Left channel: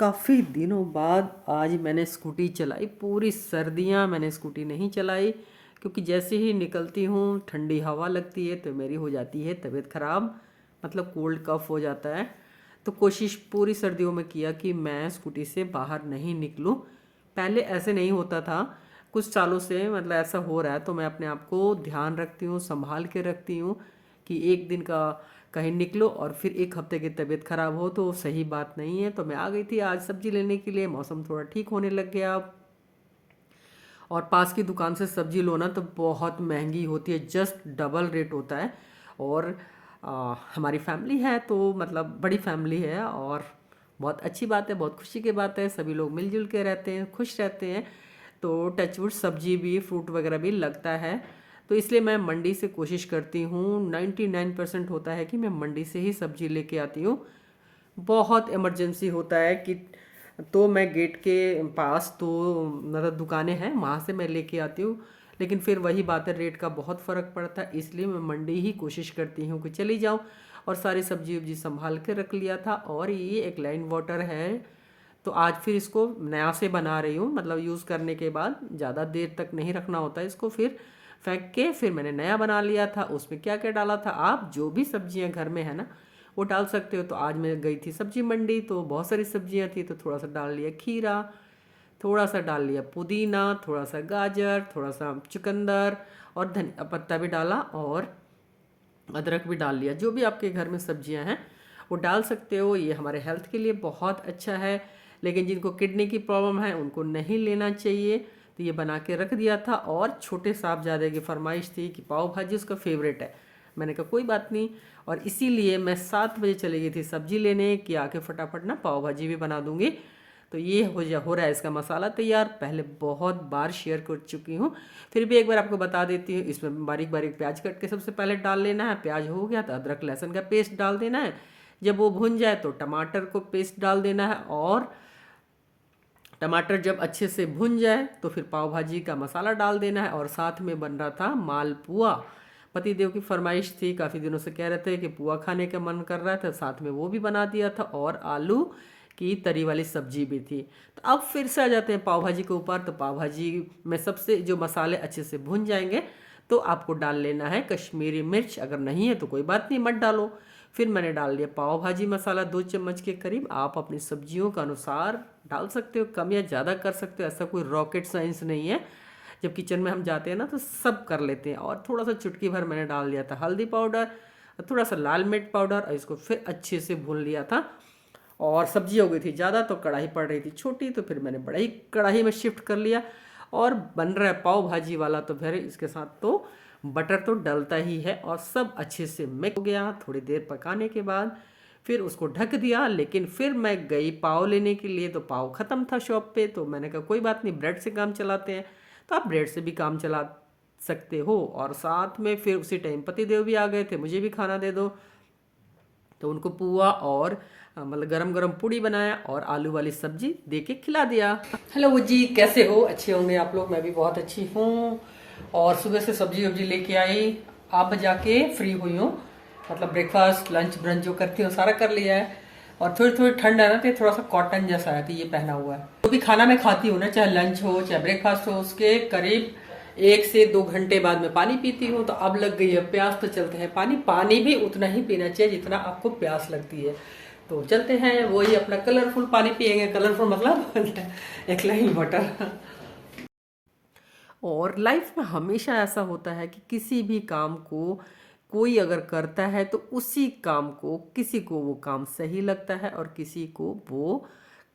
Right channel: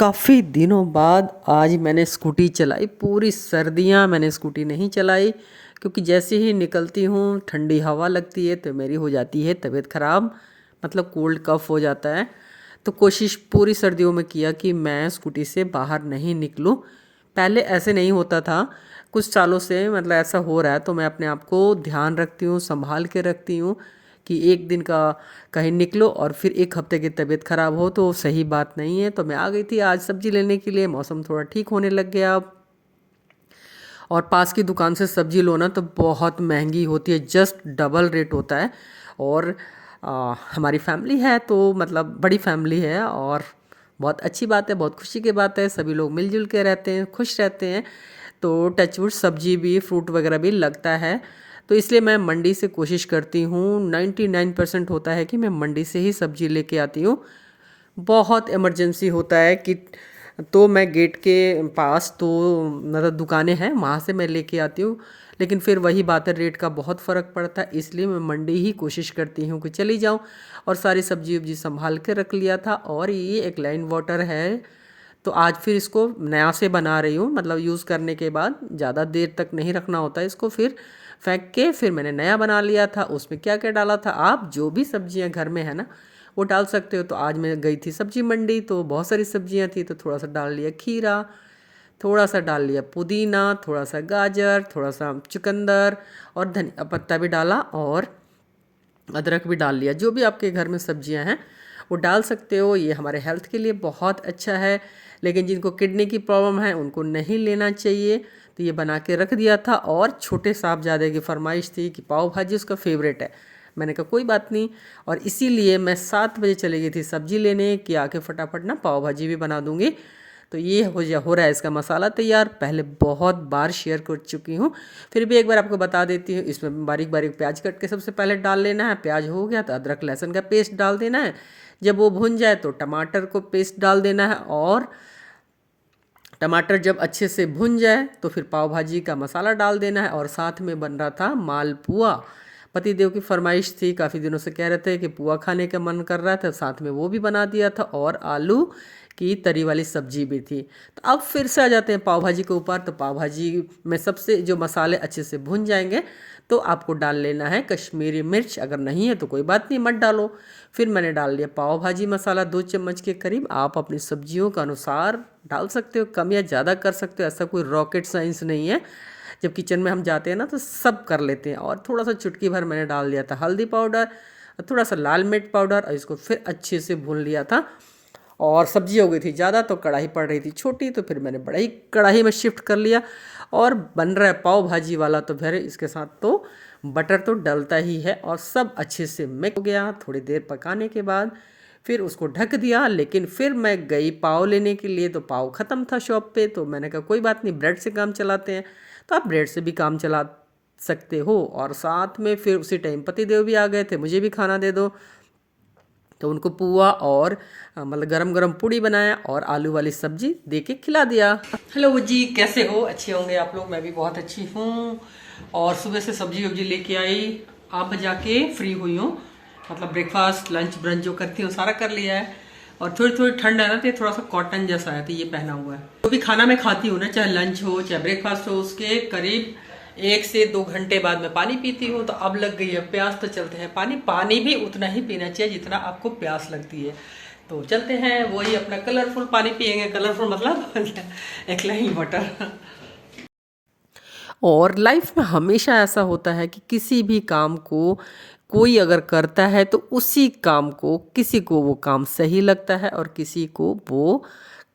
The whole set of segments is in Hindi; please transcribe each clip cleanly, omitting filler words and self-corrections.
काफ़ी दिनों बाद आज मैंने स्कूटी चलाई। पूरी सर्दियाँ मैंने स्कूटी नहीं चलाई क्योंकि जैसे ही निकलती हूँ ठंडी हवा लगती है तो मेरी हो जाती है तबीयत ख़राब, मतलब कोल्ड कफ़ हो जाता है। तो कोशिश पूरी सर्दियों में किया कि मैं स्कूटी से बाहर नहीं निकलूँ। पहले ऐसे नहीं होता था, कुछ सालों से मतलब ऐसा हो रहा है, तो मैं अपने आप को ध्यान रखती हूँ, संभाल के रखती हूँ कि एक दिन का कहीं निकलो और फिर एक हफ्ते की तबीयत ख़राब हो तो सही बात नहीं है। तो मैं आ गई थी आज सब्ज़ी लेने के लिए, मौसम थोड़ा ठीक होने लग गया अब। और पास की दुकान से सब्ज़ी लो ना तो बहुत महंगी होती है, जस्ट डबल रेट होता है। और हमारी फैमिली है तो मतलब बड़ी फैमिली है और बहुत अच्छी बात है, बहुत खुशी की बात है, सभी लोग मिलजुल के रहते हैं, खुश रहते हैं। तो टचवुड सब्जी भी, फ्रूट वगैरह भी लगता है। तो इसलिए मैं मंडी से कोशिश करती हूँ, 99% होता है कि मैं मंडी से ही सब्जी लेके आती हूँ। बहुत इमरजेंसी होता है कि तो मैं गेट के पास तो मतलब दुकानें हैं, वहाँ से मैं लेके आती हूँ। लेकिन फिर वही बात है, रेट का बहुत फ़र्क पड़ता है, इसलिए मैं मंडी ही कोशिश करती हूँ कि चली जाऊँ। और सारी सब्जी वब्जी संभाल के रख लिया था। और ये एक लाइन वाटर है तो आज फिर इसको नया से बना रही हूँ, मतलब यूज़ करने के बाद ज़्यादा देर तक नहीं रखना होता है इसको, फिर फेंक के फिर मैंने नया बना लिया था। उसमें क्या क्या डाला था, आप जो भी सब्जियां घर में है ना वो डाल सकते हो। तो आज मैं गई थी सब्जी मंडी तो बहुत सारी सब्जियां थी, तो थोड़ा सा डाल लिया खीरा, थोड़ा सा डाल लिया पुदीना, थोड़ा सा गाजर, थोड़ा सा चुकंदर और धनिया पत्ता भी डाला और अदरक भी डाल लिया। जो भी आपके घर में सब्जियां हैं वो डाल सकते हो, ये हमारे हेल्थ के लिए बहुत अच्छा है। लेकिन जिनको किडनी की प्रॉब्लम है उनको नहीं लेना चाहिए। तो ये बना के रख दिया था। और छोटे साहबजादे की फरमाइश थी कि पाव भाजी उसका फेवरेट है। मैंने कहा कोई बात नहीं, और इसीलिए मैं 7 बजे चली गई थी सब्जी लेने कि आके फटाफट ना पाव भाजी भी बना दूंगी। तो ये हो रहा है इसका मसाला तैयार, पहले बहुत बार शेयर कर चुकी हूँ, फिर भी एक बार आपको बता देती हूँ। इसमें बारीक बारीक प्याज कट के सबसे पहले डाल लेना है। प्याज हो गया तो अदरक लहसुन का पेस्ट डाल देना है। जब वो भुन जाए तो टमाटर को पेस्ट डाल देना है। और टमाटर जब अच्छे से भुन जाए तो फिर पाव भाजी का मसाला डाल देना है। और साथ में बन रहा था मालपुआ, पति देव की फरमाइश थी, काफ़ी दिनों से कह रहे थे कि पुआ खाने का मन कर रहा था, साथ में वो भी बना दिया था। और आलू की तरी वाली सब्जी भी थी। तो अब फिर से आ जाते हैं पाव भाजी के ऊपर। तो पाव भाजी में सबसे जो मसाले अच्छे से भुन जाएंगे तो आपको डाल लेना है कश्मीरी मिर्च, अगर नहीं है तो कोई बात नहीं मत डालो। फिर मैंने डाल दिया पाव भाजी मसाला 2 चम्मच के करीब। आप अपनी सब्जियों के अनुसार डाल सकते हो, कम या ज़्यादा कर सकते हो, ऐसा कोई रॉकेट साइंस नहीं है। जब किचन में हम जाते हैं ना तो सब कर लेते हैं। और थोड़ा सा चुटकी भर मैंने डाल दिया था हल्दी पाउडर, थोड़ा सा लाल मिर्च पाउडर, और इसको फिर अच्छे से भून लिया था। और सब्जी हो गई थी ज़्यादा तो कढ़ाई पड़ रही थी छोटी, तो फिर मैंने बड़ा ही कढ़ाई में शिफ्ट कर लिया। और बन रहा है पाव भाजी वाला, तो फिर इसके साथ तो बटर तो डलता ही है। और सब अच्छे से मिक्स हो गया। थोड़ी देर पकाने के बाद फिर उसको ढक दिया। लेकिन फिर मैं गई पाव लेने के लिए तो पाव ख़त्म था शॉप पे। तो मैंने कहा कोई बात नहीं, ब्रेड से काम चलाते हैं। तो आप ब्रेड से भी काम चला सकते हो। और साथ में फिर उसी टाइम पति देव भी आ गए थे, मुझे भी खाना दे दो। तो उनको पुआ और मतलब गरम गरम पूड़ी बनाया और आलू वाली सब्जी दे के खिला दिया। हेलो जी, कैसे हो? अच्छे होंगे आप लोग, मैं भी बहुत अच्छी हूँ। और सुबह से सब्जी वब्जी लेके आई, अब जाके फ्री हुई हूँ। मतलब ब्रेकफास्ट लंच ब्रंच जो करती हूँ सारा कर लिया है। और थोड़ी थोड़ी ठंड है ना, तो ये थोड़ा सा कॉटन जैसा है तो ये पहना हुआ है। जो भी खाना मैं खाती हूँ ना, चाहे लंच हो चाहे ब्रेकफास्ट हो, उसके करीब 1 से 2 घंटे बाद में पानी पीती हूँ। तो अब लग गई है प्यास, तो चलते हैं पानी। पानी भी उतना ही पीना चाहिए जितना आपको प्यास लगती है। तो चलते हैं, वही अपना कलरफुल पानी पियेंगे। कलरफुल मतलब एक लाइन वाटर। और लाइफ में हमेशा ऐसा होता है कि किसी भी काम को कोई अगर करता है तो उसी काम को किसी को वो काम सही लगता है और किसी को वो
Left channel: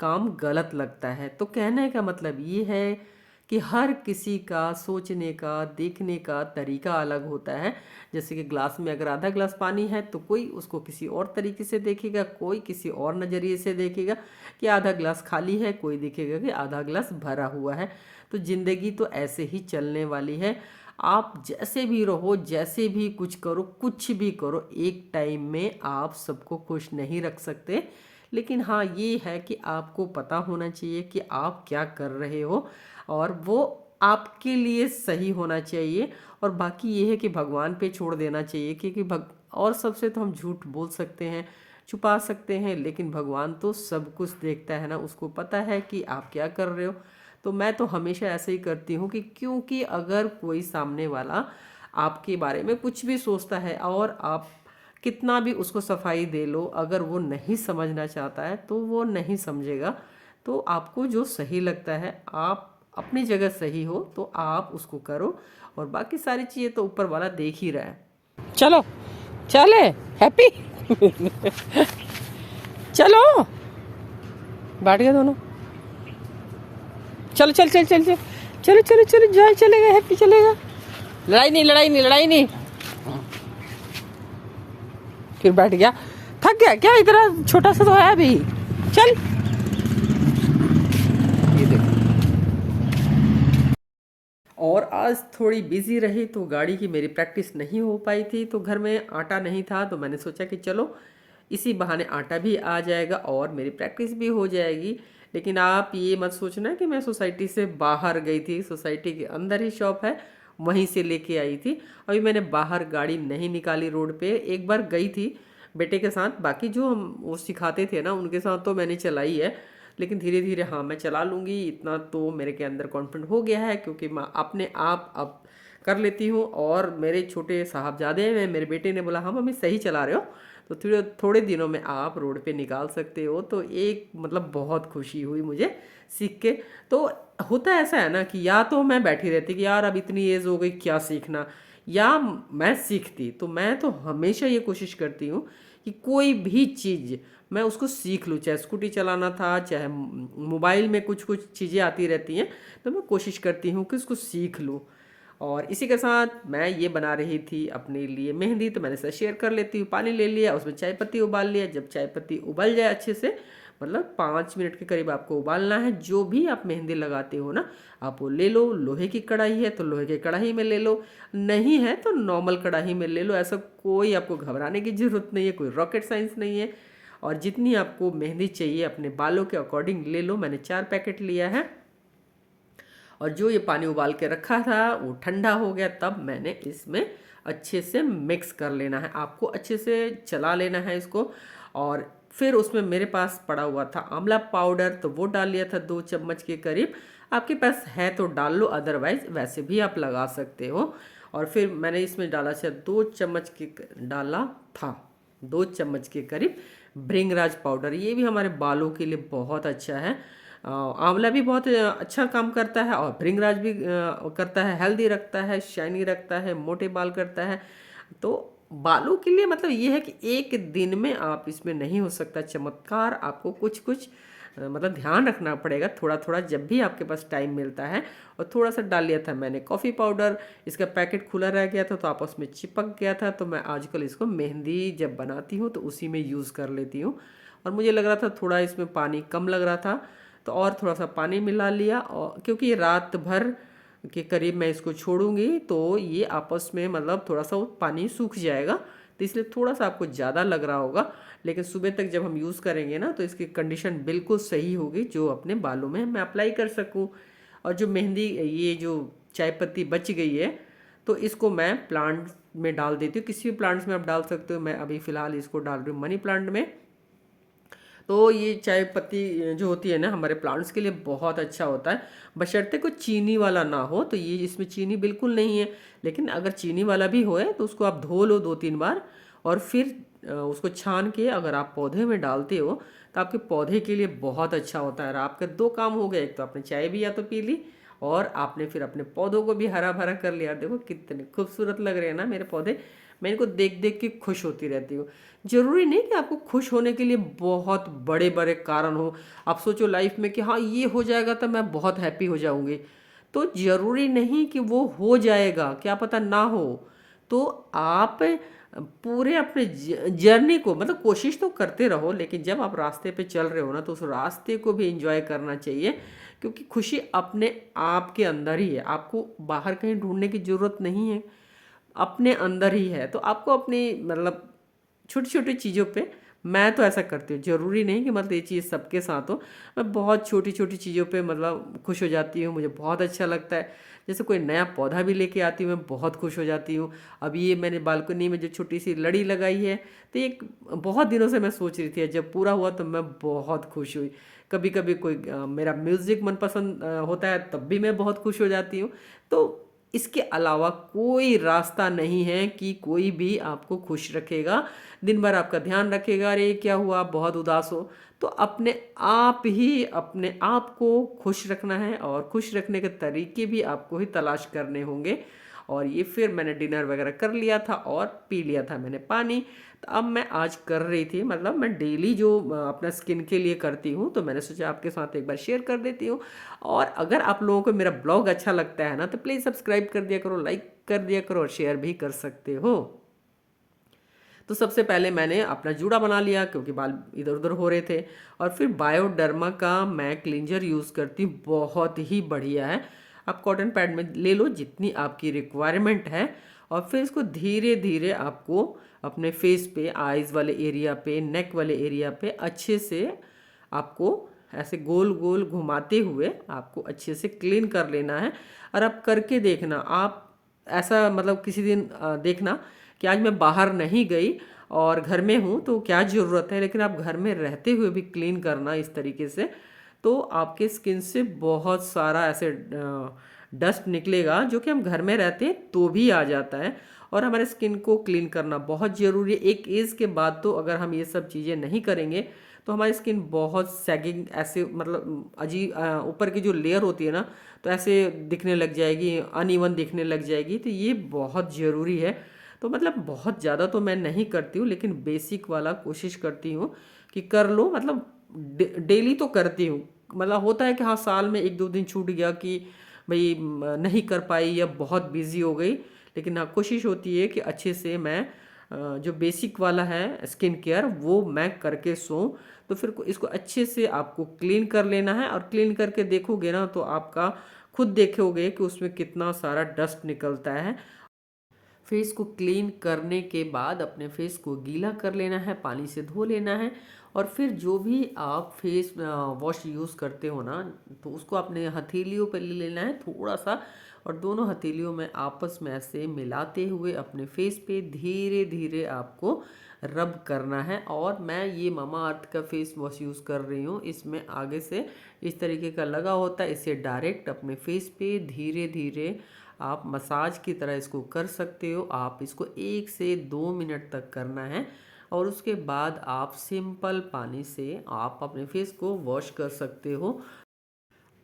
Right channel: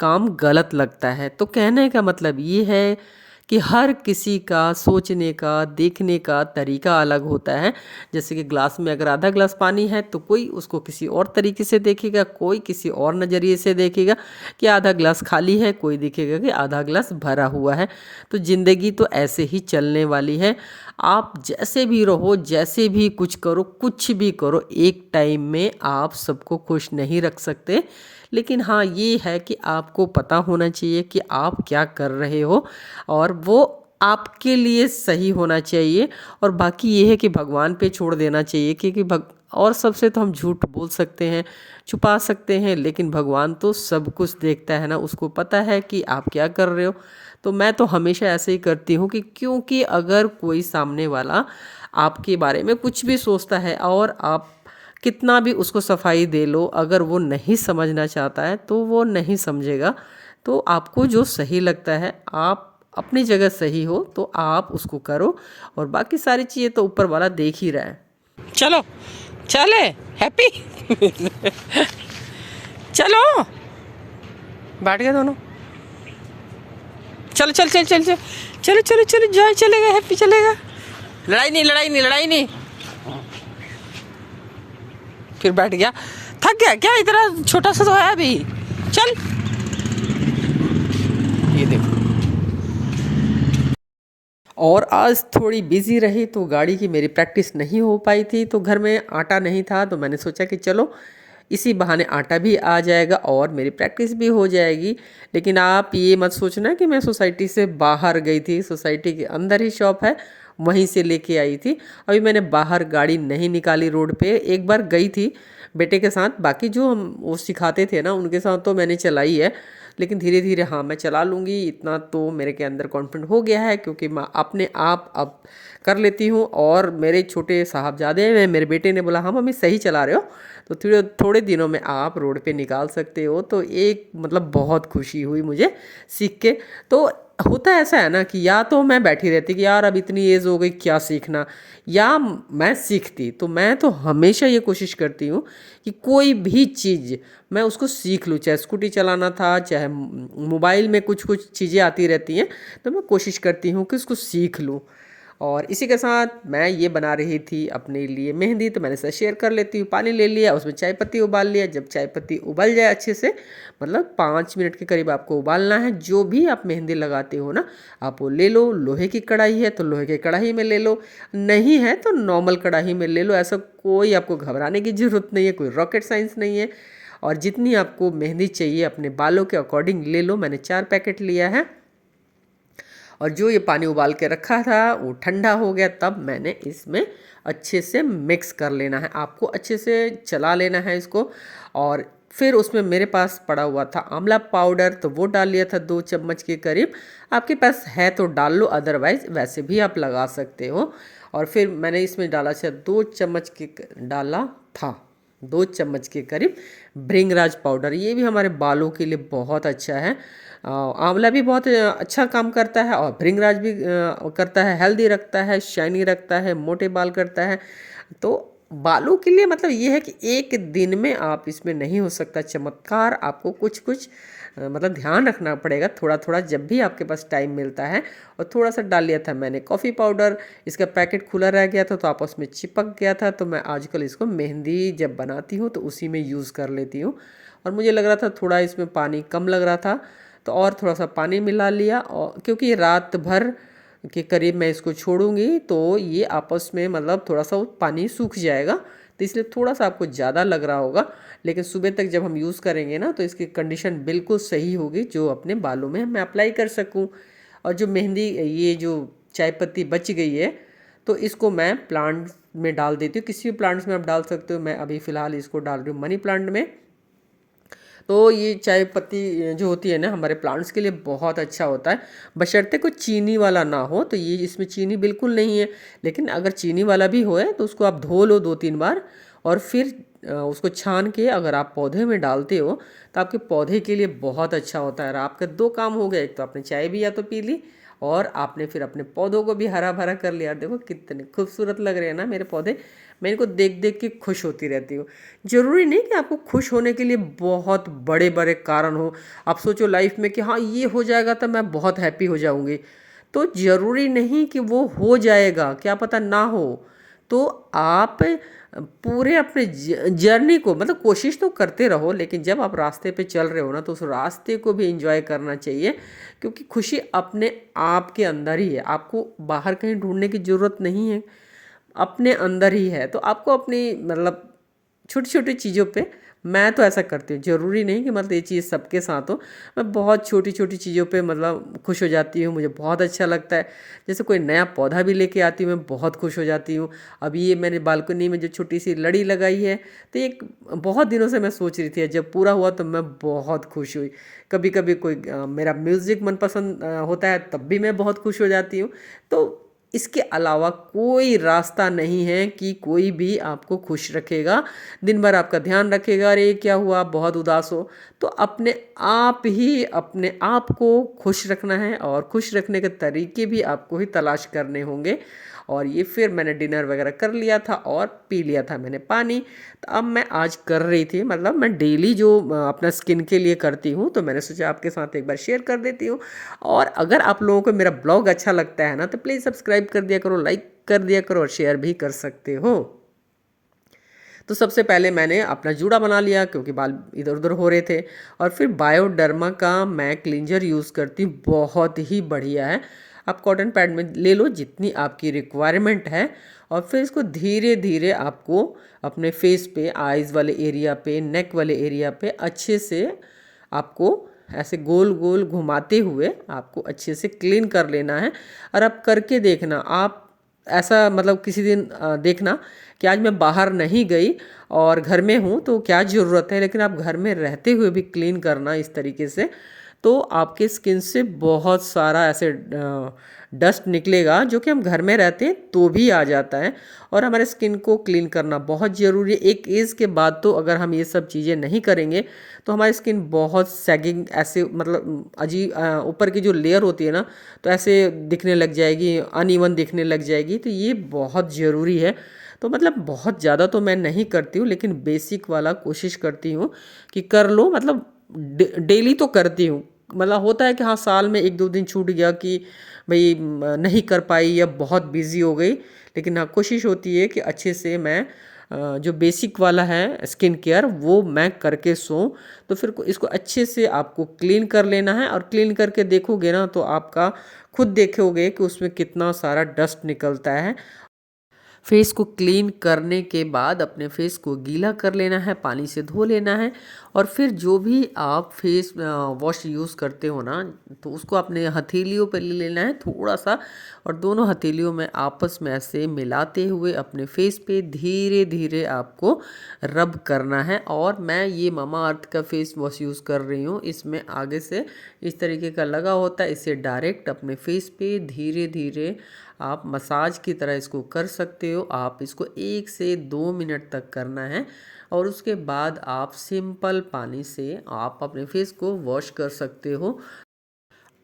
काम गलत लगता है। तो कहने का मतलब ये है कि हर किसी का सोचने का, देखने का तरीका अलग होता है। जैसे कि ग्लास में अगर आधा ग्लास पानी है तो कोई उसको किसी और तरीके से देखेगा, कोई किसी और नज़रिए से देखेगा कि आधा ग्लास खाली है, कोई देखेगा कि आधा ग्लास भरा हुआ है। तो ज़िंदगी तो ऐसे ही चलने वाली है। आप जैसे भी रहो, जैसे भी कुछ करो, कुछ भी करो, एक टाइम में आप सबको खुश नहीं रख सकते। लेकिन हाँ, ये है कि आपको पता होना चाहिए कि आप क्या कर रहे हो और वो आपके लिए सही होना चाहिए। और बाकी ये है कि भगवान पे छोड़ देना चाहिए, क्योंकि और सबसे तो हम झूठ बोल सकते हैं, छुपा सकते हैं, लेकिन भगवान तो सब कुछ देखता है ना, उसको पता है कि आप क्या कर रहे हो। तो मैं तो हमेशा ऐसे ही करती हूँ कि क्योंकि अगर कोई सामने वाला आपके बारे में कुछ भी सोचता है और आप कितना भी उसको सफाई दे लो, अगर वो नहीं समझना चाहता है तो वो नहीं समझेगा। तो आपको जो सही लगता है, आप अपनी जगह सही हो तो आप उसको करो, और बाकी सारी चीज़ें तो ऊपर वाला देख ही रहा है। चलो चले हैप्पी चलो बैठ गए दोनों। चलो चल चल चल चल चलो चलो चलो जॉय चलेगा, हैप्पी चलेगा। लड़ाई नहीं लड़ाई नहीं लड़ाई नहीं। फिर बैठ गया, थक गया क्या, इतना छोटा सा तो है अभी। चल ये देखो। और आज थोड़ी बिजी रही तो गाड़ी की मेरी प्रैक्टिस नहीं हो पाई थी, तो घर में आटा नहीं था, तो मैंने सोचा कि चलो इसी बहाने आटा भी आ जाएगा और मेरी प्रैक्टिस भी हो जाएगी। लेकिन आप ये मत सोचना कि मैं सोसाइटी से बाहर गई थी, सोसाइटी के अंदर ही शॉप है, वहीं से लेके आई थी। अभी मैंने बाहर गाड़ी नहीं निकाली रोड पे, एक बार गई थी बेटे के साथ, बाकी जो हम वो सिखाते थे ना उनके साथ तो मैंने चलाई है। लेकिन धीरे धीरे हाँ मैं चला लूँगी, इतना तो मेरे के अंदर कॉन्फिडेंट हो गया है, क्योंकि मैं अपने आप अब कर लेती हूँ। और मेरे छोटे साहबजादे हैं, मेरे बेटे ने बोला हाँ मम्मी सही चला रहे हो, तो थोड़े थोड़े दिनों में आप रोड पे निकाल सकते हो। तो एक मतलब बहुत खुशी हुई मुझे सीख के। तो होता ऐसा है ना कि या तो मैं बैठी रहती कि यार अब इतनी एज हो गई क्या सीखना, या मैं सीखती। तो मैं तो हमेशा ये कोशिश करती हूँ कि कोई भी चीज़ मैं उसको सीख लूँ, चाहे स्कूटी चलाना था, चाहे मोबाइल में कुछ कुछ चीज़ें आती रहती हैं, तो मैं कोशिश करती हूँ कि उसको सीख लूँ। और इसी के साथ मैं ये बना रही थी अपने लिए मेहंदी, तो मैंने इसे शेयर कर लेती हूँ। पानी ले लिया, उसमें चाय पत्ती उबाल लिया। जब चाय पत्ती उबल जाए अच्छे से, मतलब 5 मिनट के करीब आपको उबालना है। जो भी आप मेहंदी लगाते हो ना, आप वो ले लो। लोहे की कढ़ाई है तो लोहे की कढ़ाई में ले लो, नहीं है तो नॉर्मल कढ़ाई में ले लो। ऐसा कोई आपको घबराने की ज़रूरत नहीं है, कोई रॉकेट साइंस नहीं है। और जितनी आपको मेहंदी चाहिए अपने बालों के अकॉर्डिंग ले लो। मैंने 4 पैकेट लिया है। और जो ये पानी उबाल के रखा था वो ठंडा हो गया, तब मैंने इसमें अच्छे से मिक्स कर लेना है, आपको अच्छे से चला लेना है इसको। और फिर उसमें मेरे पास पड़ा हुआ था आंवला पाउडर, तो वो डाल लिया था 2 चम्मच के करीब। आपके पास है तो डाल लो, अदरवाइज़ वैसे भी आप लगा सकते हो। और फिर मैंने इसमें डाला था 2 चम्मच के डाला था 2 चम्मच के करीब भृंगराज पाउडर। ये भी हमारे बालों के लिए बहुत अच्छा है। आंवला भी बहुत अच्छा काम करता है, और भृंगराज भी करता है, हेल्दी रखता है, शाइनी रखता है, मोटे बाल करता है। तो बालों के लिए मतलब ये है कि एक दिन में आप इसमें नहीं हो सकता चमत्कार, आपको कुछ कुछ मतलब ध्यान रखना पड़ेगा थोड़ा थोड़ा, जब भी आपके पास टाइम मिलता है। और थोड़ा सा डाल लिया था मैंने कॉफ़ी पाउडर, इसका पैकेट खुला रह गया था तो आपस में चिपक गया था, तो मैं आजकल इसको मेहंदी जब बनाती हूँ तो उसी में यूज़ कर लेती हूँ। और मुझे लग रहा था थोड़ा इसमें पानी कम लग रहा था, तो और थोड़ा सा पानी मिला लिया। और क्योंकि रात भर के करीब मैं इसको छोड़ूंगी तो ये आपस में मतलब थोड़ा सा वो पानी सूख जाएगा, तो इसलिए थोड़ा सा आपको ज़्यादा लग रहा होगा। लेकिन सुबह तक जब हम यूज़ करेंगे ना तो इसकी कंडीशन बिल्कुल सही होगी, जो अपने बालों में मैं अप्लाई कर सकूं। और जो मेहंदी ये जो चाय पत्ती बच गई है, तो इसको मैं प्लांट में डाल देती हूँ। किसी भी प्लांट्स में आप डाल सकते हो, मैं अभी फ़िलहाल इसको डाल रही हूँ मनी प्लांट में। तो ये चाय पत्ती जो होती है ना हमारे प्लांट्स के लिए बहुत अच्छा होता है, बशर्ते कोई चीनी वाला ना हो। तो ये इसमें चीनी बिल्कुल नहीं है, लेकिन अगर चीनी वाला भी हो तो उसको आप धो लो 2-3 बार, और फिर उसको छान के अगर आप पौधे में डालते हो तो आपके पौधे के लिए बहुत अच्छा होता है। और आपके 2 काम हो गए, एक तो आपने चाय भी या तो पी ली, और आपने फिर अपने पौधों को भी हरा भरा कर लिया। देखो कितने खूबसूरत लग रहे हैं ना मेरे पौधे, मैं इनको देख देख के खुश होती रहती हूँ। ज़रूरी नहीं कि आपको खुश होने के लिए बहुत बड़े बड़े कारण हो। आप सोचो लाइफ में कि हाँ ये हो जाएगा तो मैं बहुत हैप्पी हो जाऊँगी, तो ज़रूरी नहीं कि वो हो जाएगा, क्या पता ना हो। तो आप पूरे अपने जर्नी को मतलब कोशिश तो करते रहो, लेकिन जब आप रास्ते पे चल रहे हो ना तो उस रास्ते को भी एंजॉय करना चाहिए, क्योंकि खुशी अपने आप के अंदर ही है। आपको बाहर कहीं ढूंढने की ज़रूरत नहीं है, अपने अंदर ही है। तो आपको अपनी मतलब छोटी छोटी चीज़ों पे मैं तो ऐसा करती हूँ, ज़रूरी नहीं कि मतलब ये चीज़ सबके साथ हो। मैं बहुत छोटी छोटी चीज़ों पे मतलब खुश हो जाती हूँ, मुझे बहुत अच्छा लगता है। जैसे कोई नया पौधा भी लेके आती हूँ, मैं बहुत खुश हो जाती हूँ। अभी ये मैंने बालकनी में जो छोटी सी लड़ी लगाई है, तो एक बहुत दिनों से मैं सोच रही थी, जब पूरा हुआ तो मैं बहुत खुश हुई। कभी कभी कोई मेरा म्यूज़िक मनपसंद होता है, तब भी मैं बहुत खुश हो जाती हूँ। तो इसके अलावा कोई रास्ता नहीं है कि कोई भी आपको खुश रखेगा। दिन भर आपका ध्यान रखेगा, अरे क्या हुआ, आप बहुत उदास हो। तो अपने आप को खुश रखना है, और खुश रखने के तरीके भी आपको ही तलाश करने होंगे। और ये फिर मैंने डिनर वगैरह कर लिया था और पी लिया था मैंने पानी। तो अब मैं आज कर रही थी, मतलब मैं डेली जो अपना स्किन के लिए करती हूँ, तो मैंने सोचा आपके साथ एक बार शेयर कर देती हूँ। और अगर आप लोगों को मेरा ब्लॉग अच्छा लगता है ना, तो प्लीज़ सब्सक्राइब कर दिया करो, लाइक कर दिया करो, और शेयर भी कर सकते हो। तो सबसे पहले मैंने अपना जूड़ा बना लिया, क्योंकि बाल इधर उधर हो रहे थे। और फिर बायोडर्मा का मैं क्लींजर यूज़ करती हूँ, बहुत ही बढ़िया है। आप कॉटन पैड में ले लो जितनी आपकी रिक्वायरमेंट है, और फिर इसको धीरे धीरे आपको अपने फेस पे, आइज़ वाले एरिया पे, नेक वाले एरिया पे अच्छे से आपको ऐसे गोल गोल घुमाते हुए आपको अच्छे से क्लीन कर लेना है। और आप करके देखना, आप ऐसा मतलब किसी दिन देखना कि आज मैं बाहर नहीं गई और घर में हूँ, तो क्या ज़रूरत है, लेकिन आप घर में रहते हुए भी क्लीन करना इस तरीके से। तो आपके स्किन से बहुत सारा ऐसे डस्ट निकलेगा, जो कि हम घर में रहते हैं तो भी आ जाता है। और हमारे स्किन को क्लीन करना बहुत ज़रूरी है। एक एज के बाद तो अगर हम ये सब चीज़ें नहीं करेंगे, तो हमारी स्किन बहुत सैगिंग, ऐसे मतलब अजीब, ऊपर की जो लेयर होती है ना, तो ऐसे दिखने लग जाएगी, अनइवन दिखने लग जाएगी। तो ये बहुत ज़रूरी है। तो मतलब बहुत ज़्यादा तो मैं नहीं करती हूँ, लेकिन बेसिक वाला कोशिश करती हूँ कि कर लो। मतलब डेली तो करती हूँ। मतलब होता है कि हाँ, साल में एक दो दिन छूट गया कि भाई नहीं कर पाई या बहुत बिजी हो गई, लेकिन हाँ, कोशिश होती है कि अच्छे से मैं जो बेसिक वाला है स्किन केयर, वो मैं करके सोऊं। तो फिर इसको अच्छे से आपको क्लीन कर लेना है, और क्लीन करके देखोगे ना, तो आपका खुद देखोगे कि उसमें कितना सारा डस्ट निकलता है। फेस को क्लीन करने के बाद अपने फेस को गीला कर लेना है, पानी से धो लेना है। और फिर जो भी आप फेस वॉश यूज़ करते हो ना, तो उसको अपने हथेलियों पर ले लेना है थोड़ा सा, और दोनों हथेलियों में आपस में ऐसे मिलाते हुए अपने फेस पे धीरे धीरे आपको रब करना है। और मैं ये ममा अर्थ का फेस वॉश यूज़ कर रही हूँ, इसमें आगे से इस तरीके का लगा होता है, इसे डायरेक्ट अपने फेस पे धीरे धीरे आप मसाज की तरह इसको कर सकते हो। आप इसको 1 से 2 मिनट तक करना है, और उसके बाद आप सिंपल पानी से आप अपने फेस को वॉश कर सकते हो।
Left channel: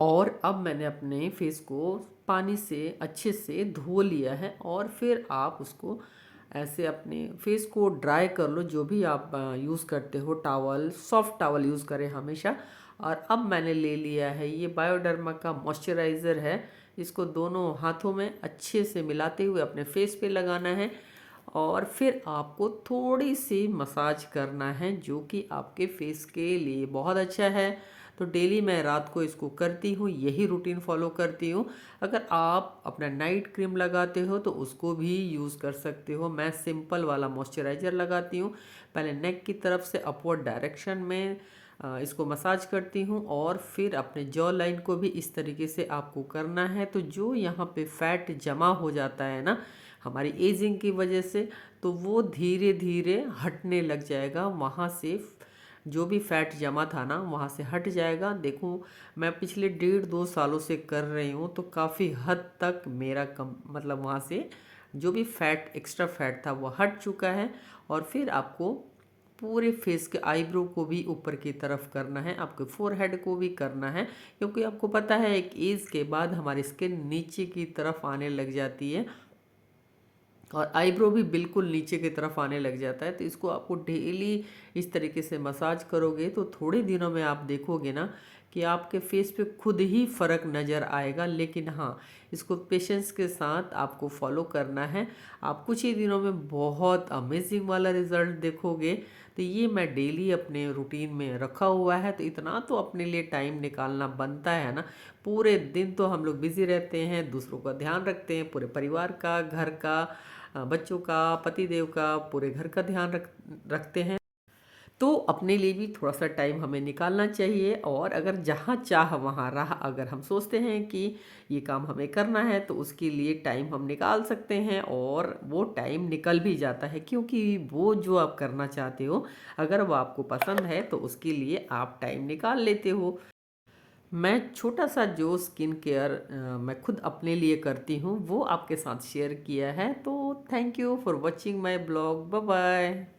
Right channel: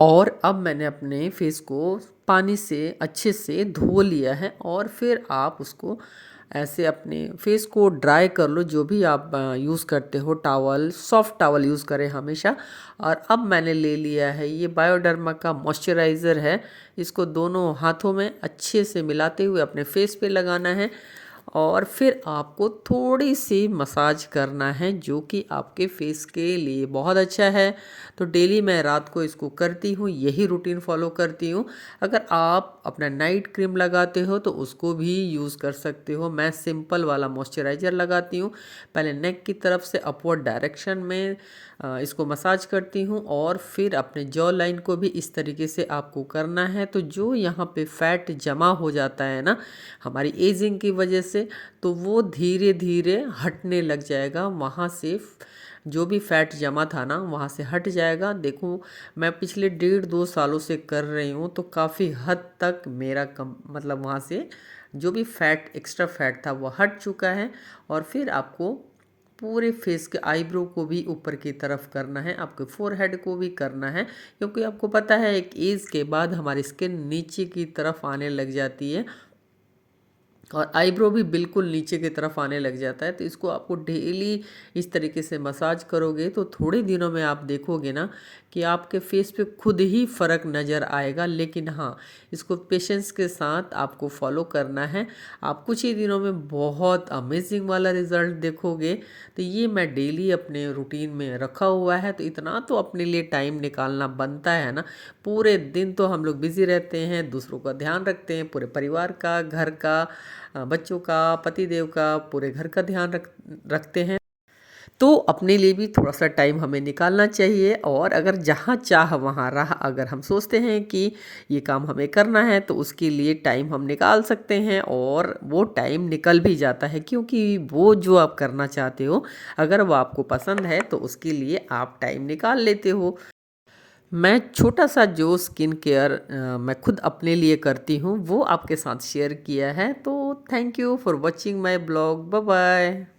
और अब मैंने अपने फेस को पानी से अच्छे से धो लिया है, और फिर आप उसको ऐसे अपने फेस को ड्राई कर लो, जो भी आप यूज़ करते हो, टॉवल, सॉफ्ट टॉवल यूज़ करें हमेशा। और अब मैंने ले लिया है ये बायोडर्मा का मॉइस्चराइज़र है, इसको दोनों हाथों में अच्छे से मिलाते हुए अपने फेस पे लगाना है। और फिर आपको थोड़ी सी मसाज करना है, जो कि आपके फेस के लिए बहुत अच्छा है। तो डेली मैं रात को इसको करती हूँ, यही रूटीन फॉलो करती हूँ। अगर आप अपना नाइट क्रीम लगाते हो तो उसको भी यूज़ कर सकते हो। मैं सिंपल वाला मॉइस्चराइज़र लगाती हूँ, पहले नेक की तरफ से अपवर्ड डायरेक्शन में इसको मसाज करती हूँ, और फिर अपने जॉ लाइन को भी इस तरीके से आपको करना है। तो जो यहाँ पे फैट जमा हो जाता है ना हमारी एजिंग की वजह से, तो वो धीरे धीरे हटने लग जाएगा। वहाँ से जो भी फैट जमा था ना, वहाँ से हट जाएगा। देखो, मैं पिछले 1.5-2 सालों से कर रही हूँ, तो काफ़ी हद तक मेरा कम मतलब वहाँ से जो भी फैट, एक्स्ट्रा फैट था, वो हट चुका है। और फिर आपको पूरे फेस के आईब्रो को भी ऊपर की तरफ करना है, आपके फोरहेड को भी करना है, क्योंकि आपको पता है एक एज के बाद हमारी स्किन नीचे की तरफ आने लग जाती है, और आईब्रो भी बिल्कुल नीचे की तरफ आने लग जाता है। तो इसको आपको डेली इस तरीके से मसाज करोगे, तो थोड़े दिनों में आप देखोगे ना कि आपके फेस पे खुद ही फ़र्क नज़र आएगा। लेकिन हाँ, इसको पेशेंस के साथ आपको फॉलो करना है। आप कुछ ही दिनों में बहुत अमेजिंग वाला रिज़ल्ट देखोगे। तो ये मैं डेली अपने रूटीन में रखा हुआ है, तो इतना तो अपने लिए टाइम निकालना बनता है ना। पूरे दिन तो हम लोग बिज़ी रहते हैं, दूसरों का ध्यान रखते हैं, पूरे परिवार का, घर का, बच्चों का, पति देव का, पूरे घर का ध्यान रखते हैं। तो अपने लिए भी थोड़ा-सा टाइम हमें निकालना चाहिए और अगर जहाँ चाह वहाँ राह अगर हम सोचते हैं कि ये काम हमें करना है तो उसके लिए टाइम हम निकाल सकते हैं और वो टाइम निकल भी जाता है क्योंकि वो जो आप करना चाहते हो अगर वो आपको पसंद है तो उसके लिए आप टाइम निकाल लेते हो। मैं छोटा-सा जो स्किन केयर मैं खुद अपने लिए करती हूँ वो आपके साथ शेयर किया है। तो thank you for watching my blog. Bye bye.